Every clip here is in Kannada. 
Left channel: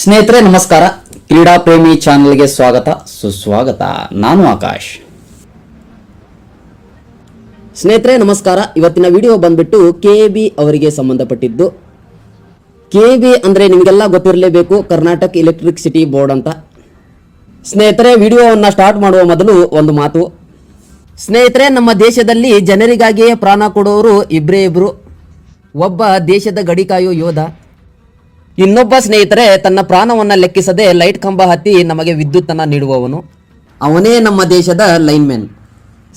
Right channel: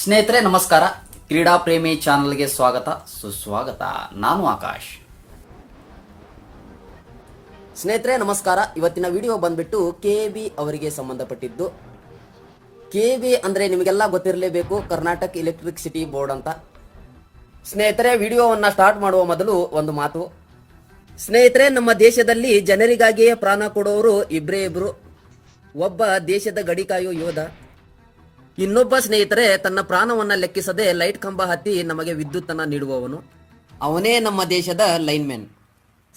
ಸ್ನೇಹಿತರೆ ನಮಸ್ಕಾರ. ಕ್ರೀಡಾ ಪ್ರೇಮಿ ಚಾನೆಲ್ಗೆ ಸ್ವಾಗತ ಸುಸ್ವಾಗತ. ನಾನು ಆಕಾಶ್. ಸ್ನೇಹಿತರೆ ನಮಸ್ಕಾರ. ಇವತ್ತಿನ ವಿಡಿಯೋ ಬಂದ್ಬಿಟ್ಟು ಕೆಬಿ ಅವರಿಗೆ ಸಂಬಂಧಪಟ್ಟಿದ್ದು. ಕೆಬಿ ಅಂದರೆ ನಿಮಗೆಲ್ಲ ಗೊತ್ತಿರಲೇಬೇಕು, ಕರ್ನಾಟಕ ಎಲೆಕ್ಟ್ರಿಸಿಟಿ ಬೋರ್ಡ್ ಅಂತ. ಸ್ನೇಹಿತರೆ ವಿಡಿಯೋವನ್ನು ಸ್ಟಾರ್ಟ್ ಮಾಡುವ ಮೊದಲು ಒಂದು ಮಾತು. ಸ್ನೇಹಿತರೆ, ನಮ್ಮ ದೇಶದಲ್ಲಿ ಜನರಿಗಾಗಿಯೇ ಪ್ರಾಣ ಕೊಡುವವರು ಇಬ್ಬರೇ ಇಬ್ಬರು. ಒಬ್ಬ ದೇಶದ ಗಡಿ ಕಾಯೋ ಯೋಧ, ಇನ್ನೊಬ್ಬ ಸ್ನೇಹಿತರೆ ತನ್ನ ಪ್ರಾಣವನ್ನು ಲೆಕ್ಕಿಸದೆ ಲೈಟ್ ಕಂಬ ಹತ್ತಿ ನಮಗೆ ವಿದ್ಯುತ್ತನ್ನು ನೀಡುವವನು. ಅವನೇ ನಮ್ಮ ದೇಶದ ಲೈನ್ಮೆನ್.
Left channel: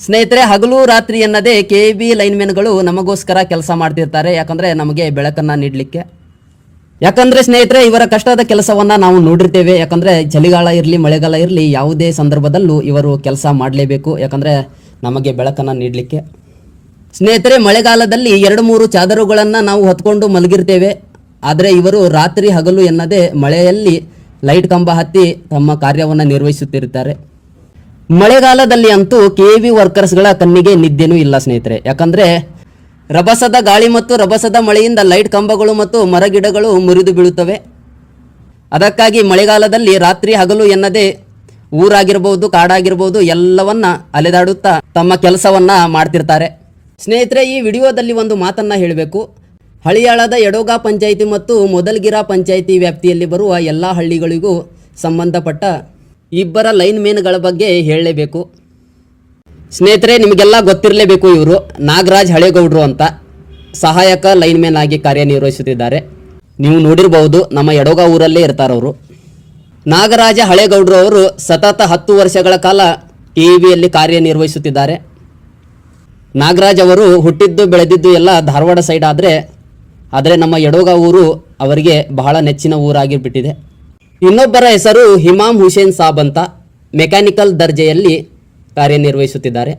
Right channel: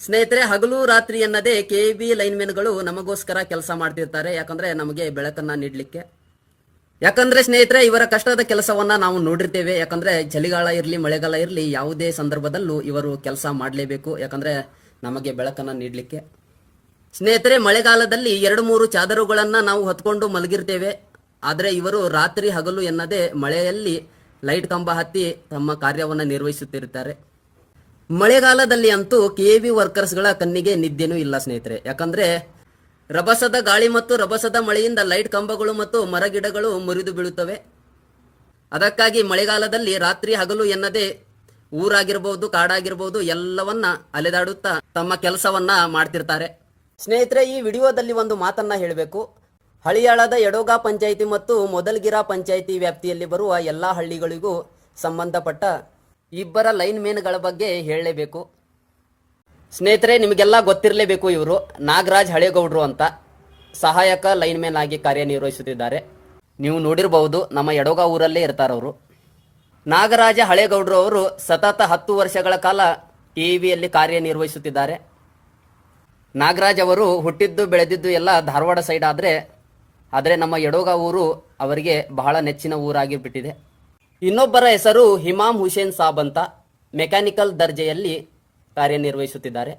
ಸ್ನೇಹಿತರೆ, ಹಗಲು ರಾತ್ರಿ ಎನ್ನದೇ ಕೆಬಿ ಲೈನ್ಮೆನ್ಗಳು ನಮಗೋಸ್ಕರ ಕೆಲಸ ಮಾಡ್ತಿರ್ತಾರೆ. ಯಾಕಂದರೆ ನಮಗೆ ಬೆಳಕನ್ನು ನೀಡಲಿಕ್ಕೆ. ಯಾಕಂದರೆ ಸ್ನೇಹಿತರೆ, ಇವರ ಕಷ್ಟದ ಕೆಲಸವನ್ನು ನಾವು ನೋಡಿರ್ತೇವೆ. ಯಾಕಂದರೆ ಚಳಿಗಾಲ ಇರಲಿ ಮಳೆಗಾಲ ಇರಲಿ ಯಾವುದೇ ಸಂದರ್ಭದಲ್ಲೂ ಇವರು ಕೆಲಸ ಮಾಡಲೇಬೇಕು. ಯಾಕಂದರೆ ನಮಗೆ ಬೆಳಕನ್ನು ನೀಡಲಿಕ್ಕೆ. ಸ್ನೇಹಿತರೆ, ಮಳೆಗಾಲದಲ್ಲಿ 2-3 ಚಾದರುಗಳನ್ನು ನಾವು ಹೊತ್ಕೊಂಡು ಮಲಗಿರ್ತೇವೆ. ಆದರೆ ಇವರು ರಾತ್ರಿ ಹಗಲು ಎನ್ನದೇ ಮಳೆಯಲ್ಲಿ ಲೈಟ್ ಕಂಬ ಹತ್ತಿ ತಮ್ಮ ಕಾರ್ಯವನ್ನು ನಿರ್ವಹಿಸುತ್ತಿರುತ್ತಾರೆ. ಮಳೆಗಾಲದಲ್ಲಿ ಅಂತೂ ಕೆಬಿ ವರ್ಕರ್ಸ್ಗಳ ಕಣ್ಣಿಗೆ ನಿದ್ದೆನೂ ಇಲ್ಲ ಸ್ನೇಹಿತರೆ. ಯಾಕಂದರೆ ರಭಸದ ಗಾಳಿ ಮತ್ತು ರಭಸದ ಮಳೆಯಿಂದ ಲೈಟ್ ಕಂಬಗಳು ಮತ್ತು ಮರಗಿಡಗಳು ಮುರಿದು ಬೀಳುತ್ತವೆ. ಅದಕ್ಕಾಗಿ ಮಳೆಗಾಲದಲ್ಲಿ ರಾತ್ರಿ ಹಗಲು ಎನ್ನದೇ ಊರಾಗಿರ್ಬೋದು ಕಾಡಾಗಿರ್ಬೋದು ಎಲ್ಲವನ್ನ ಅಲೆದಾಡುತ್ತಾ ತಮ್ಮ ಕೆಲಸವನ್ನು ಮಾಡ್ತಿರ್ತಾರೆ. ಸ್ನೇಹಿತರೆ, ಈ ವಿಡಿಯೋದಲ್ಲಿ ಒಂದು ಮಾತನ್ನು ಹೇಳಬೇಕು. ಹಳಿಯಾಳದ ಯಡೋಗ ಪಂಚಾಯಿತಿ ಮತ್ತು ಮೊದಲ್ಗಿರಾ ಪಂಚಾಯಿತಿ ವ್ಯಾಪ್ತಿಯಲ್ಲಿ ಬರುವ ಎಲ್ಲ ಹಳ್ಳಿಗಳಿಗೂ ಸಂಬಂಧಪಟ್ಟ ಇಬ್ಬರ ಲೈನ್ಮೇನ್ಗಳ ಬಗ್ಗೆ ಹೇಳಲೇಬೇಕು. ಸ್ನೇಹಿತರೆ, ನಿಮಗೆಲ್ಲ ಗೊತ್ತಿರಲೇಬೇಕು, ಇವರು ನಾಗರಾಜ್ ಹಳೇಗೌಡರು ಅಂತ ಸಹಾಯಕ ಲೈನ್ಮೇನ್ ಆಗಿ ಕಾರ್ಯನಿರ್ವಹಿಸುತ್ತಿದ್ದಾರೆ. ನೀವು ನೋಡಿರಬಹುದು, ನಮ್ಮ ಯಡೋಗ ಊರಲ್ಲೇ ಇರ್ತಾರವರು. ನಾಗರಾಜ ಹಳೇಗೌಡರು ಅವರು ಸತತ 10 ವರ್ಷಗಳ ಕಾಲ ಕೆಬಿಯಲ್ಲಿ ಕಾರ್ಯನಿರ್ವಹಿಸುತ್ತಿದ್ದಾರೆ. ನಾಗರಾಜ್ ಅವರು ಹುಟ್ಟಿದ್ದು ಬೆಳೆದಿದ್ದು ಎಲ್ಲ ಧಾರವಾಡ ಸೈಡ್ ಆದರೆ ನಮ್ಮ ಯಡೋಗ ಊರು ಅವರಿಗೆ ಬಹಳ ನೆಚ್ಚಿನ ಊರಾಗಿಬಿಟ್ಟಿದೆ. ಇನ್ನೊಬ್ಬರ ಹೆಸರು ಹಿಮಾಮ್ ಹುಸೇನ್ ಸಾಬ್ ಅಂತ ಮೆಕ್ಯಾನಿಕಲ್ ದರ್ಜೆಯಲ್ಲಿ ಕಾರ್ಯನಿರ್ವಹಿಸುತ್ತಿದ್ದಾರೆ.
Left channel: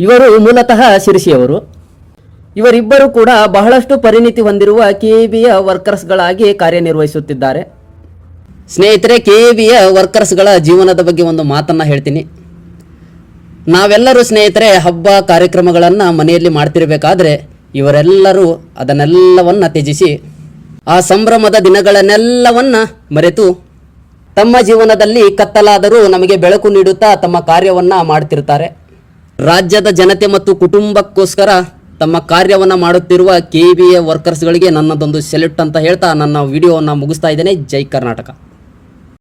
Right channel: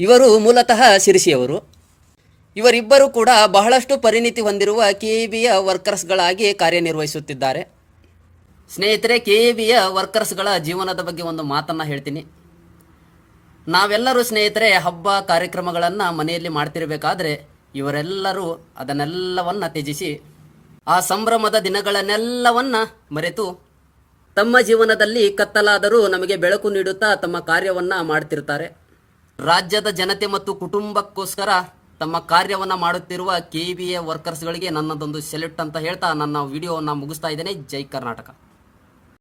ಇವರು ಮೂಲತಃ ಶಿರಸಿಯವರು. ಇವರಿಬ್ಬರು ಕೂಡ ಬಹಳಷ್ಟು ಪರಿಣಿತಿ ಹೊಂದಿರುವ ಕೆಬಿಯ ವರ್ಕರ್ಸ್ಗಳಾಗಿ ಕಾರ್ಯನಿರ್ವಹಿಸುತ್ತಿದ್ದಾರೆ. ಸ್ನೇಹಿತರೆ, ಕೆಬಿಯ ವರ್ಕರ್ಸ್ಗಳ ಜೀವನದ ಬಗ್ಗೆ ಒಂದು ಮಾತನ್ನು ಹೇಳ್ತೀನಿ. ನಾವೆಲ್ಲರೂ ಸ್ನೇಹಿತರೆ ಹಬ್ಬ ಕಾರ್ಯಕ್ರಮಗಳನ್ನು ಮನೆಯಲ್ಲಿ ಮಾಡ್ತಿರಬೇಕಾದ್ರೆ ಇವರೆಲ್ಲರೂ ಅದನ್ನೆಲ್ಲವನ್ನು ತ್ಯಜಿಸಿ ಆ ಸಂಭ್ರಮದ ದಿನಗಳನ್ನೆಲ್ಲವನ್ನು ಮರೆತು ತಮ್ಮ ಜೀವನದಲ್ಲಿ ಕತ್ತಲಾದರೂ ನಮಗೆ ಬೆಳಕು ನೀಡುತ್ತಾ ತಮ್ಮ ಕಾರ್ಯವನ್ನು ಮಾಡ್ತಿರ್ತಾರೆ. ರಾಜ್ಯದ ಜನತೆ ಮತ್ತು ಕುಟುಂಬಕ್ಕೋಸ್ಕರ ತಮ್ಮ ಕಾರ್ಯವನ್ನು ಮಾಡುತ್ತಿರುವ ಕೆಬಿಯ ವರ್ಕರ್ಸ್ಗಳಿಗೆ ನನ್ನದೊಂದು ಸೆಲ್ಯೂಟ್ ಅಂತ ಹೇಳ್ತಾ ನನ್ನ ವಿಡಿಯೋವನ್ನು ಮುಗಿಸ್ತಾ ಇದ್ದೇನೆ. ಜೈ ಕರ್ನಾಟಕ.